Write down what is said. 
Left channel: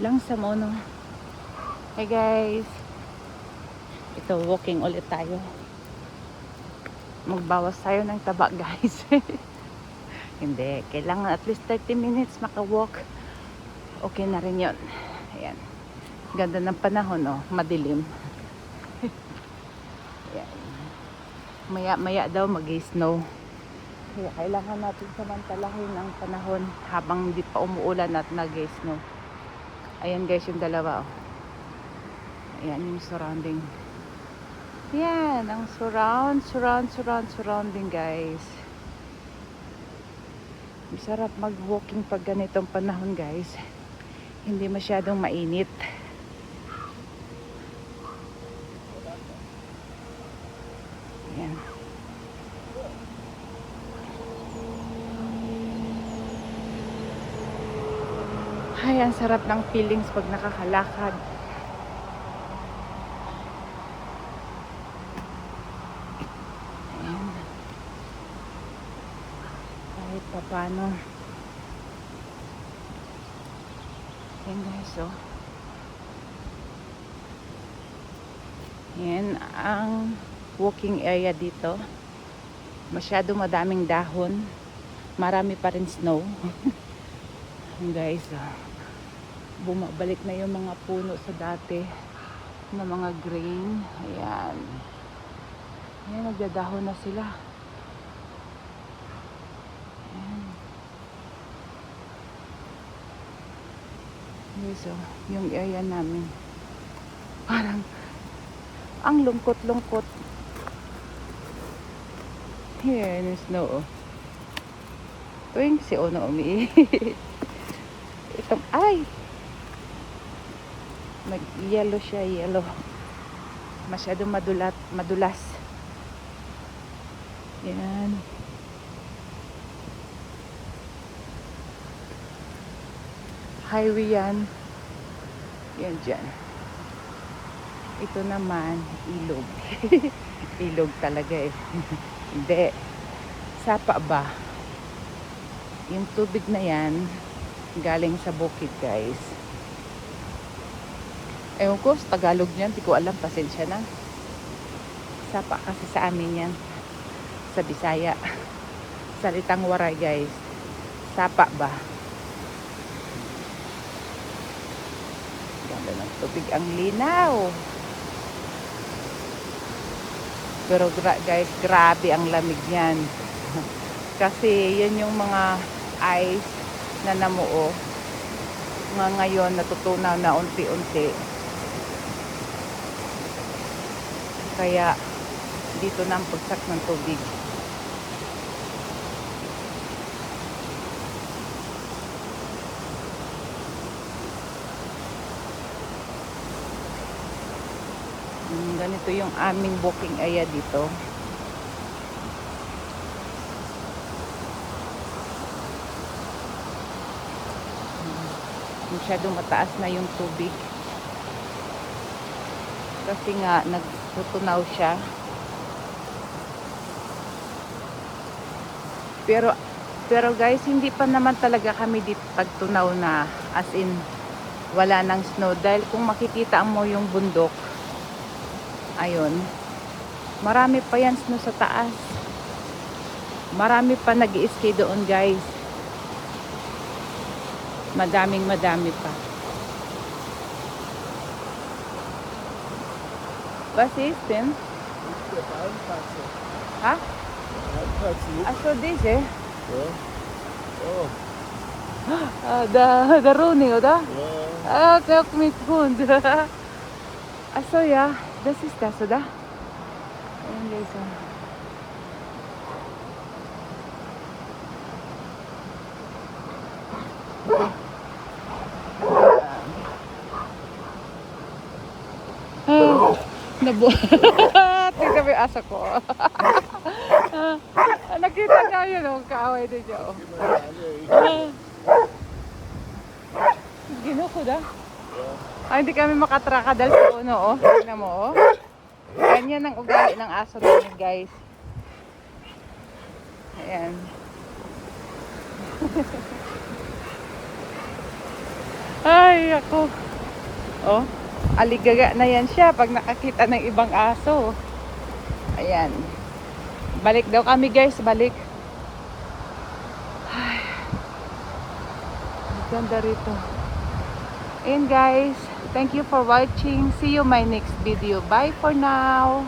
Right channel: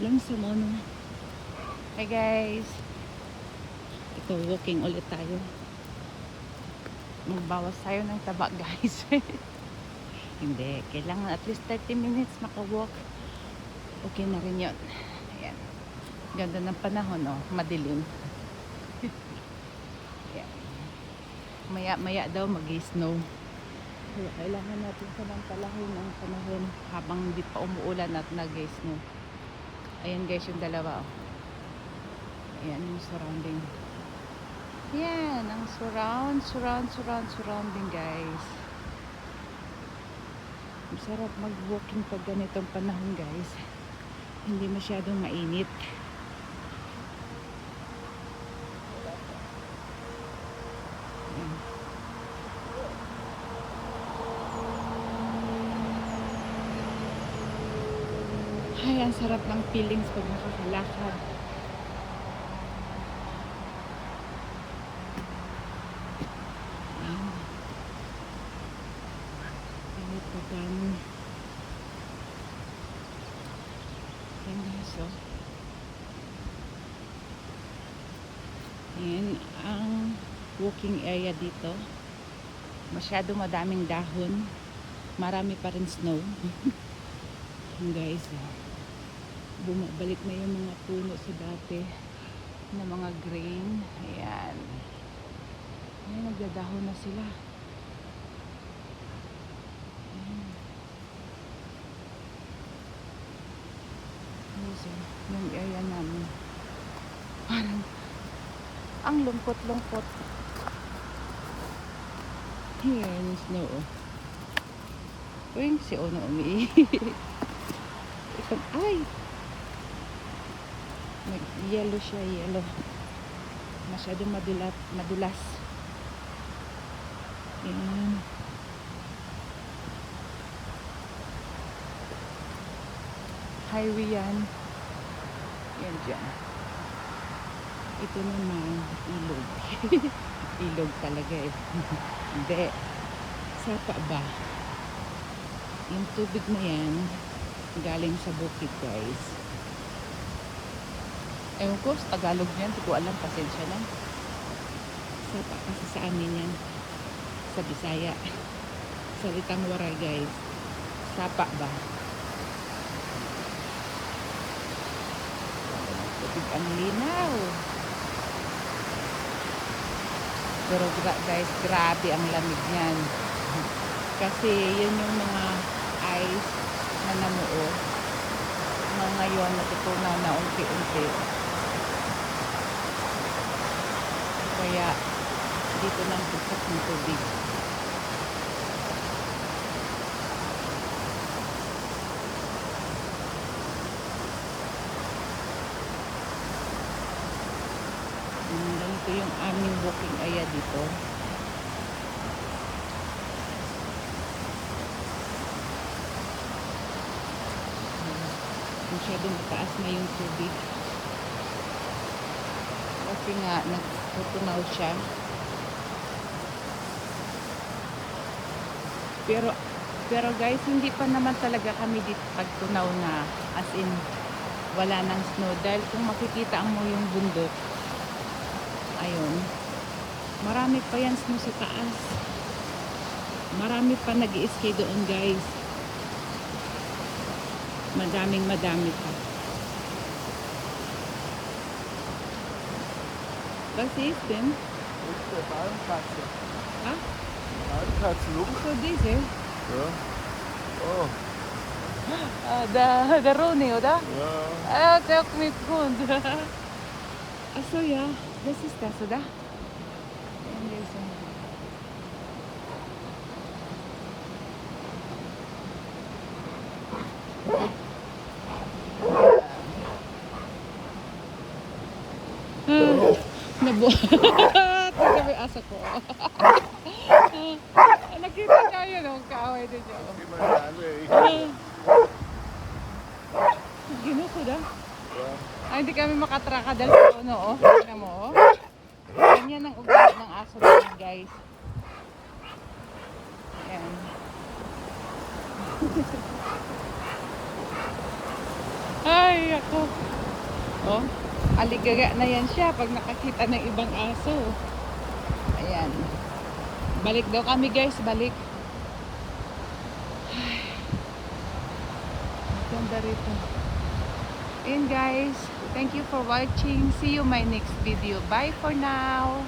Lang sa mono. Hey guys. Ito, walking ulit tayo. Magbawas tayo ng taba guys. Hindi, kailangan at least 30 minutes maka-walk. Okay na rin yun. Ayan. Ganda ng panahon, oh. Madilim. Ayan. Maya daw mag-snow. Kaya kailangan natin samantalahin ang panahon habang hindi pa umuulan at nag-snow. Ayan guys, yung dalawa, oh. Ayan yung surrounding. Yan, ang surrounding guys. Masarap mag-walking pag ganitong panahon guys. Hindi masyadong mainit. Yan. Ay, ang sarap ng feelings pag nakakalakad. Kahit pa paano. Yan guys, oh. Yan ang walking area dito. Masyado madaming dahon. Marami pa rin snow. Guys, oh. Bumabalik na yung mga puno sa dati na mga green. Ayan. Ayan, nagdadahon na sila. So, yung area namin parang ang lungkot-lungkot. Here yung snow, oh. Tuwing si Ono itong ay nag-yellow siya, yellow. Masyadong madulas. Yan. Highway yan. Yan dyan. Ito naman, ilog. Ilog talaga eh. Hindi. Sapa ba? Yung tubig na yan, galing sa bukid guys. Ewan ko, sa Tagalog yan. Hindi ko alam, pasensya na. Sapa kasi sa amin yan. Sa Bisaya. Salitang waray guys. Sapa ba? Tubig ang linaw. Pero guys, grabe ang lamig niyan. Kasi yun yung mga ice na namuo nga ngayon natutunaw na unti-unti. Kaya dito na ang pagsak ng tubig. Ganito yung aming walking area dito. Masyadong mataas na yung tubig. Kasi nga nagtutunaw siya. Pero guys, hindi pa naman talaga kami dito pagtunaw na as in wala nang snow. Dahil kung makikita mo yung bundok, ayun, marami pa yan snow sa taas. Marami pa nag-i-ski doon guys. Madami pa. Was ist denn? Ha? Achso, diese? Ja. Oh. Der Roni, oder? Ja. Der hat mit Hund. Achso, ja. Das ist das, oder? Nabuhat. Tingnan mo yung asa ko. Nakita niya yun, oh, kaaway din niya. Ginuko da? Hindi kami makatraka dahil sa puno, oh. Tingnan mo, oh. Ganyan ang ugali ng aso namin, guys. Ayan. Ay, ko. Oh, aligaga na yan siya pag nakakita ng ibang aso. Ayan. Balik daw kami guys, balik. Ay, ang ganda rito. And guys, thank you for watching. See you my next video. Bye for now.